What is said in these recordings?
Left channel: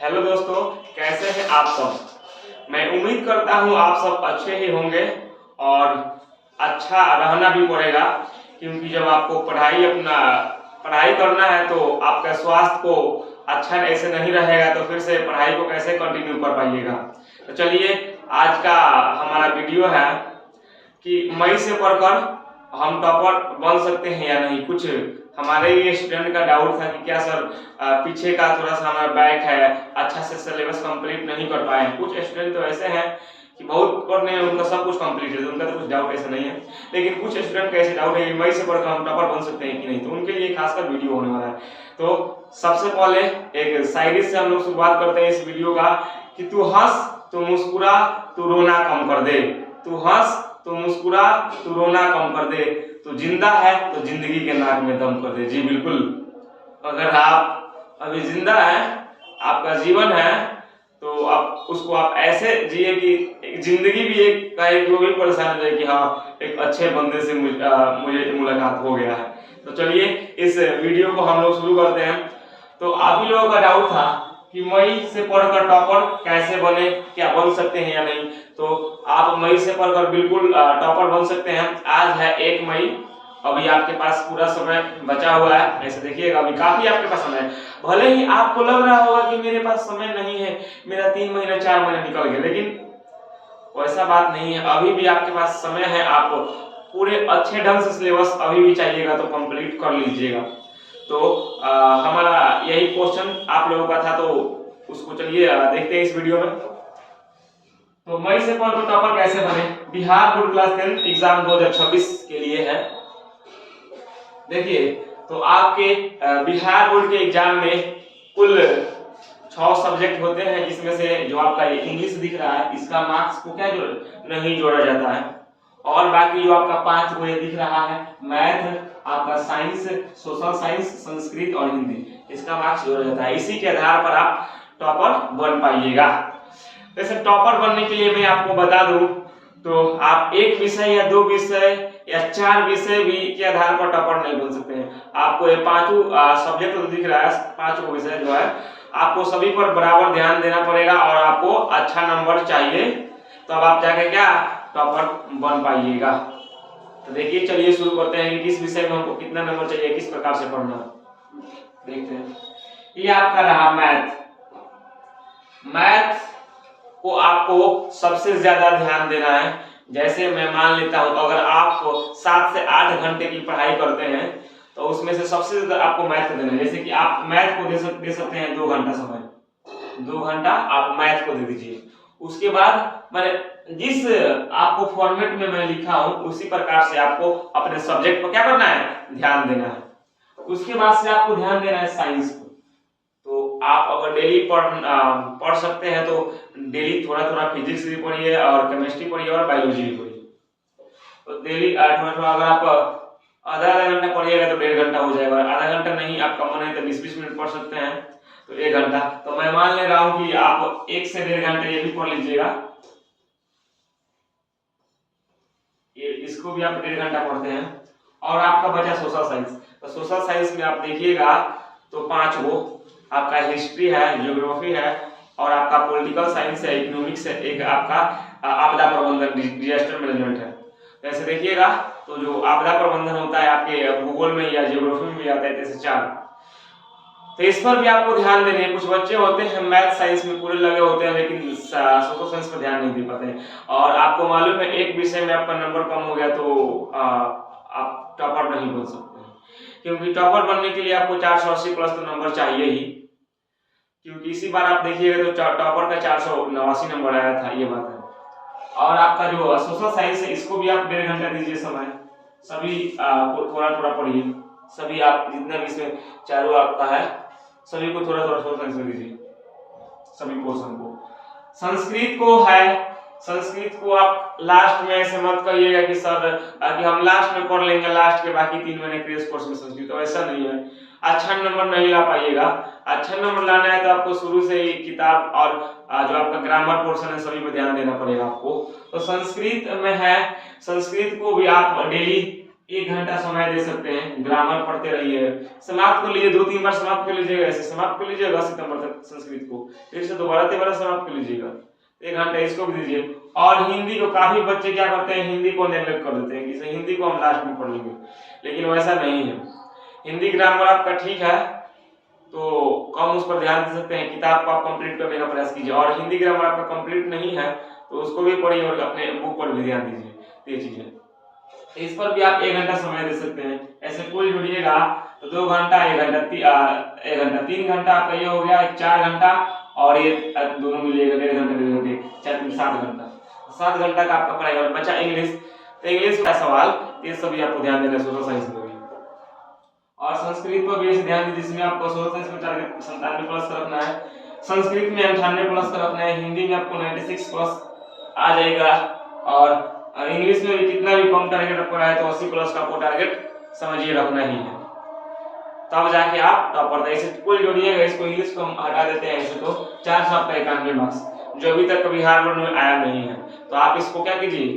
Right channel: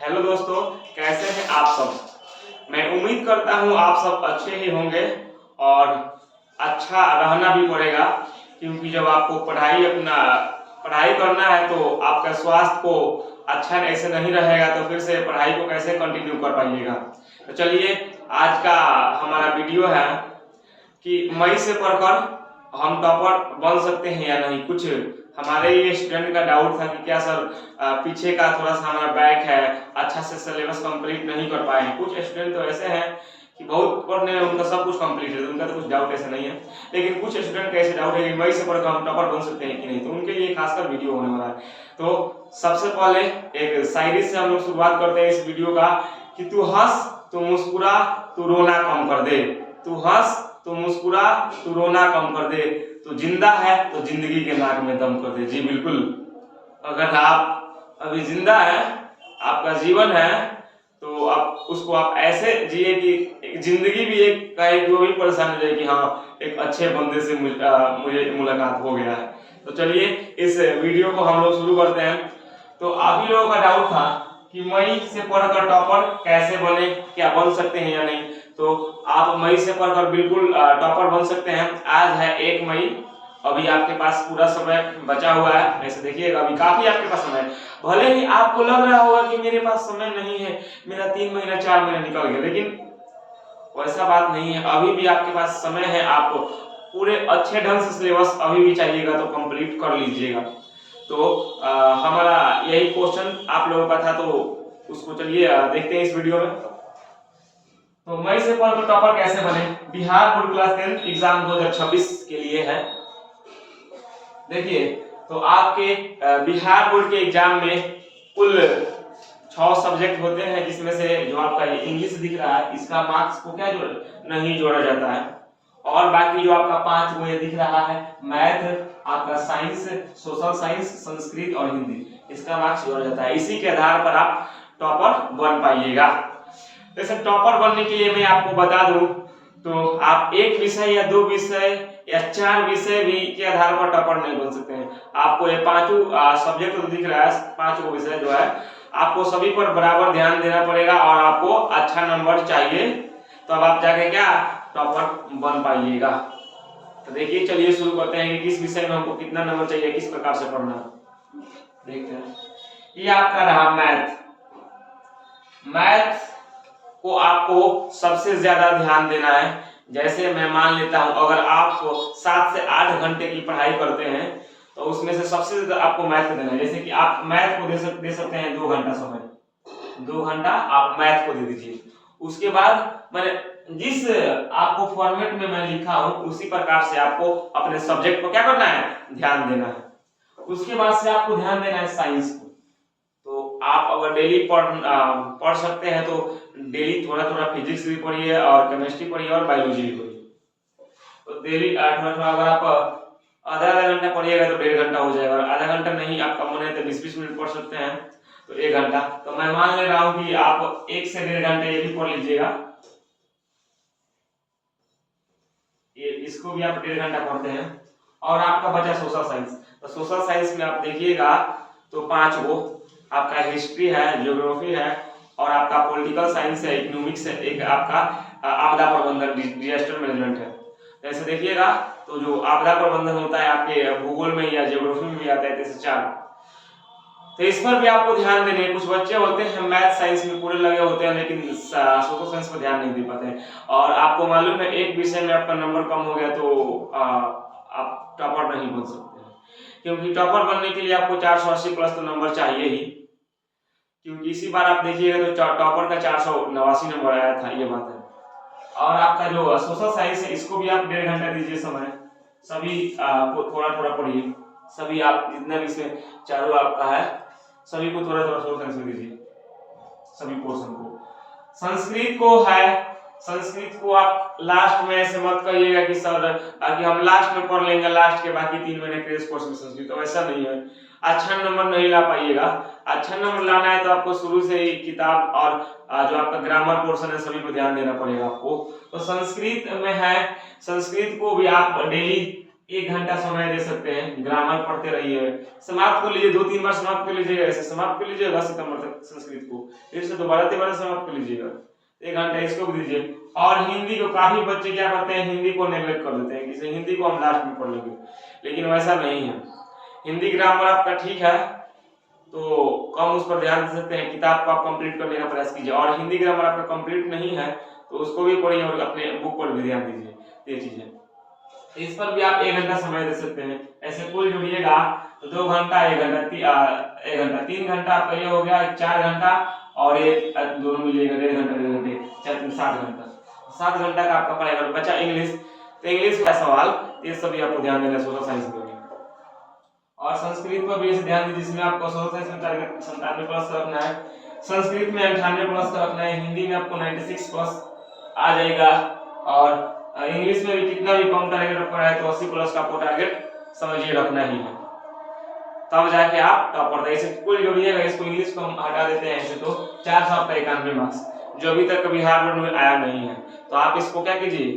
Hello दोस्तों, कैसे हैं आप सब। मैं उम्मीद करता हूं आप सब अच्छे ही होंगे और अच्छा रहना भी पड़ेगा, क्योंकि जब आपको पढ़ाई करना है तो आपका स्वास्थ्य को अच्छा ऐसे नहीं रहेगा तो फिर से पढ़ाई को कैसे कंटिन्यू कर पाइएगा। तो चलिए, आज का हमारा वीडियो है कि मई से पढ़कर हम टॉपर बन सकते हैं या नहीं। कुछ हमारे ये स्टूडेंट का डाउट था कि क्या सर पीछे का थोड़ा सा हमारा बैक है, अच्छा से सिलेबस कंप्लीट नहीं कर पाए हैं। कुछ स्टूडेंट तो ऐसे हैं कि बहुत पढ़ने में उनका सब कुछ कंप्लीट है, तो उनका तो कुछ डाउट ऐसा नहीं है। लेकिन कुछ स्टूडेंट का ऐसे डाउट है कि मई से पढ़कर हम टॉपर बन सकते हैं कि नहीं, तो उनके लिए खासकर वीडियो होने वाला है। तो सबसे पहले एक शायरी से हम लोग शुरुआत करते हैं इस वीडियो का कि तू हंस तू मुस्कुरा तू रोना कम कर दे। तू हंस तू मुस्कुरा तू रोना कम कर दे। तू जिंदा है तो जिंदगी के नाक में दम कर दे। जी बिल्कुल, अगर आप अभी जिंदा है, आपका जीवन है, तो आप उसको आप ऐसे जिए कि जिंदगी भी एक कहे कि वो भी परेशान हो जाए कि हाँ, एक अच्छे बंदे से मुझे मुलाकात हो गया है। तो चलिए, इस वीडियो को हम लोग शुरू करते हैं। तो आप ही लोगों का डाउट था कि मई से पढ़कर टॉपर कैसे बने, क्या बन सकते हैं या नहीं। तो आप मई से पढ़कर बिल्कुल टॉपर बन सकते हैं। आज है 1 मई, अभी आपके पास पूरा समय बचा हुआ है। ऐसे देखिएगा, अभी काफी आपके पास समय है। भले ही आपको लग रहा होगा कि मेरे पास समय नहीं है, मेरा 3 महीना 4 महीना निकल गया, लेकिन वैसा बात नहीं है। अभी भी आपके पास समय है। आप पूरे अच्छे ढंग से सिलेबस अभी भी चाहिएगा तो कंप्लीट कर लीजिएगा। तो हमारा यही क्वेश्चन आप लोगों का था, तो उसको चलिए देखते हैं इस वीडियो में। तो मई से पढ़कर टॉपर कैसे बने, बिहार बोर्ड क्लास 10 एग्जाम 2026 के लिए है। देखिए, तो आपके बिहार बोर्ड के एग्जाम में कुल 6 सब्जेक्ट होते हैं, जिसमें से जो आपका ये इंग्लिश दिख रहा है, इसका मार्क्स को क्या नहीं जोड़ा जाता है। और बाकी जो आपका 5 वो ये दिख रहा है, मैथ, आपका साइंस, सोशल साइंस, संस्कृत और हिंदी, इसका मार्क्स जोड़ा जाता है। इसी के आधार पर आप टॉपर बन पाइएगा। वैसे टॉपर बनने के लिए मैं आपको बता दूं तो आप एक विषय या 2 विषय या 4 विषय भी के आधार पर टॉपर नहीं बन सकते हैं। आपको ये पांचों सब्जेक्ट तो दिख रहा है, 5 विषय जो है, आपको सभी पर बराबर ध्यान देना पड़ेगा और आपको अच्छा नंबर चाहिए, तो अब आप जाके क्या टॉपर बन पाइएगा। तो देखिए, चलिए शुरू करते हैं कि किस विषय में हमको कितना नंबर चाहिए, किस प्रकार से पढ़ना देखते हैं। ये आपका रहा मैथ। मैथ को आपको सबसे ज्यादा ध्यान देना है। जैसे मैं मान लेता हूं, अगर आप 7 से 8 घंटे की पढ़ाई करते हैं तो उसमें से सबसे ज्यादा आपको मैथ को देना है। जैसे कि आप मैथ को दे सकते हैं 2 घंटा समय, 2 घंटा आप मैथ को दे दीजिए। उसके बाद मैंने जिस आपको फॉर्मेट में मैं लिखा हूं उसी प्रकार से आपको अपने सब्जेक्ट पर क्या करना है, ध्यान देना है। उसके बाद से आपको ध्यान देना है साइंस को। तो आप अगर डेली पढ़ सकते हैं तो डेली थोड़ा थोड़ा फिजिक्स भी पढ़िए और केमिस्ट्री पढ़िए और बायोलॉजी भी पढ़िए। तो डेली थोड़ा थोड़ा अगर आप आधा आधा घंटा पढ़िएगा तो 1.5 घंटा हो जाएगा, और आधा घंटा नहीं आपका मन है तो 20-20 मिनट पढ़ सकते हैं, तो 1 घंटा। तो मैं मान ले रहा हूं कि आप 1 से 1.5 घंटे ये भी पढ़ लीजिएगा, ये इसको भी आप 1.5 घंटा पढ़ते हैं। और आपका बचा सोशल साइंस। तो सोशल साइंस में आप देखिएगा तो 5 वो आपका हिस्ट्री है, ज्योग्राफी है, और आपका पॉलिटिकल साइंस है, इकोनॉमिक्स है, एक आपका आपदा प्रबंधन डिजास्टर मैनेजमेंट है। तो ऐसे देखिएगा, तो जो आपदा प्रबंधन होता है आपके भूगोल में या ज्योग्राफी में भी आता है, जैसे 4, तो इस पर भी आपको ध्यान देने। कुछ बच्चे होते हैं मैथ साइंस में पूरे लगे होते हैं लेकिन सोशल साइंस पर ध्यान नहीं दे पाते हैं, और आपको मालूम है एक विषय में आपका नंबर कम हो गया तो आप टॉपर नहीं बन सकते हैं, क्योंकि टॉपर बनने के लिए आपको 480 प्लस तो नंबर चाहिए ही। क्योंकि इसी बार आप देखिएगा तो टॉपर का 489 नंबर आया था, ये बात है। और आपका जो सोशल साइंस है इसको भी आप 1.5 घंटा दीजिए समय, सभी को थोड़ा थोड़ा पढ़िए। सभी आप जितना भी इसमें चारों आपका है सभी को थोड़ा थोड़ा सोशल साइंस में दीजिए, सभी पोर्शन को। संस्कृत को है, संस्कृत को आप लास्ट में ऐसे मत कहिएगा कि सर कि हम लास्ट में पढ़ लेंगे, लास्ट के बाकी 3 महीने क्रेश कोर्स में संस्कृत, तो ऐसा नहीं है। अच्छा नंबर नहीं ला पाइएगा। अच्छा नंबर लाना है तो आपको शुरू से ही किताब और जो आपका ग्रामर पोर्शन है सभी पे ध्यान देना पड़ेगा आपको। तो संस्कृत में है, संस्कृत को भी आप डेली 1 घंटा समय दे सकते हैं, ग्रामर पढ़ते रहिए, समाप्त कर लीजिए, 2-3 बार समाप्त कर लीजिएगा, ऐसे समाप्त कर लीजिएगा सितंबर तक संस्कृत को, फिर से दोबारा 13 समाप्त कर लीजिएगा, 1 घंटा इसको भी दीजिए। और हिंदी को काफी बच्चे क्या करते हैं, हिंदी को नेग्लेक्ट कर देते हैं कि हिंदी को हम लास्ट में पढ़ लेंगे, लेकिन वैसा नहीं है। हिंदी ग्रामर आपका ठीक है तो कम उस पर ध्यान दे सकते हैं, किताब को आप कंप्लीट करने का प्रयास कीजिए, और हिंदी ग्रामर आपका कंप्लीट नहीं है तो उसको भी पढ़िए और अपने बुक पर भी ध्यान दीजिए। ये चीजें इस पर भी आप 1 घंटा समय दे सकते हैं। ऐसे कुल जोड़िएगा तो 2 घंटा 1 घंटा 3 घंटा आपका ये हो गया, 4 घंटा, और ये दोनों मिलिएगा 1.5 घंटे 7 घंटा, 7 घंटा का आपका पढ़ाई। और बचा इंग्लिश, तो इंग्लिश का सवाल ये सभी आपको ध्यान देना है, सोशल साइंस में भी, और संस्कृत पर भी ध्यान दीजिए, जिसमें आपको सोशल साइंस में 97 प्लस का रखना है, संस्कृत में 98 प्लस का रखना है, हिंदी में आपको 96 प्लस आ जाएगा, और इंग्लिश में भी कितना भी कम टारगेट आपको रहा है तो 80 प्लस का आपको टारगेट समझिए रखना ही है, तब जाके आप टॉपर थे। ऐसे कुल जोड़िएगा, इसको इंग्लिश को हम हटा देते हैं ऐसे तो 491 मार्क्स, जो अभी तक कभी हार्वर्ड में आया नहीं है, तो आप इसको क्या कीजिए,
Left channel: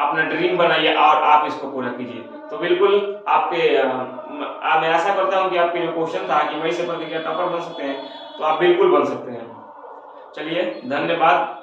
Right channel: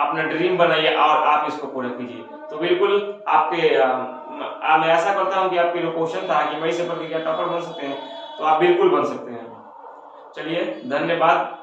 अपना ड्रीम बनाइए और आप इसको पूरा कीजिए। तो बिल्कुल आपके मैं आशा करता हूं कि आपके जो क्वेश्चन था कि वही से पढ़ के क्या टॉपर बन सकते हैं, तो आप बिल्कुल बन सकते हैं। चलिए धन्यवाद।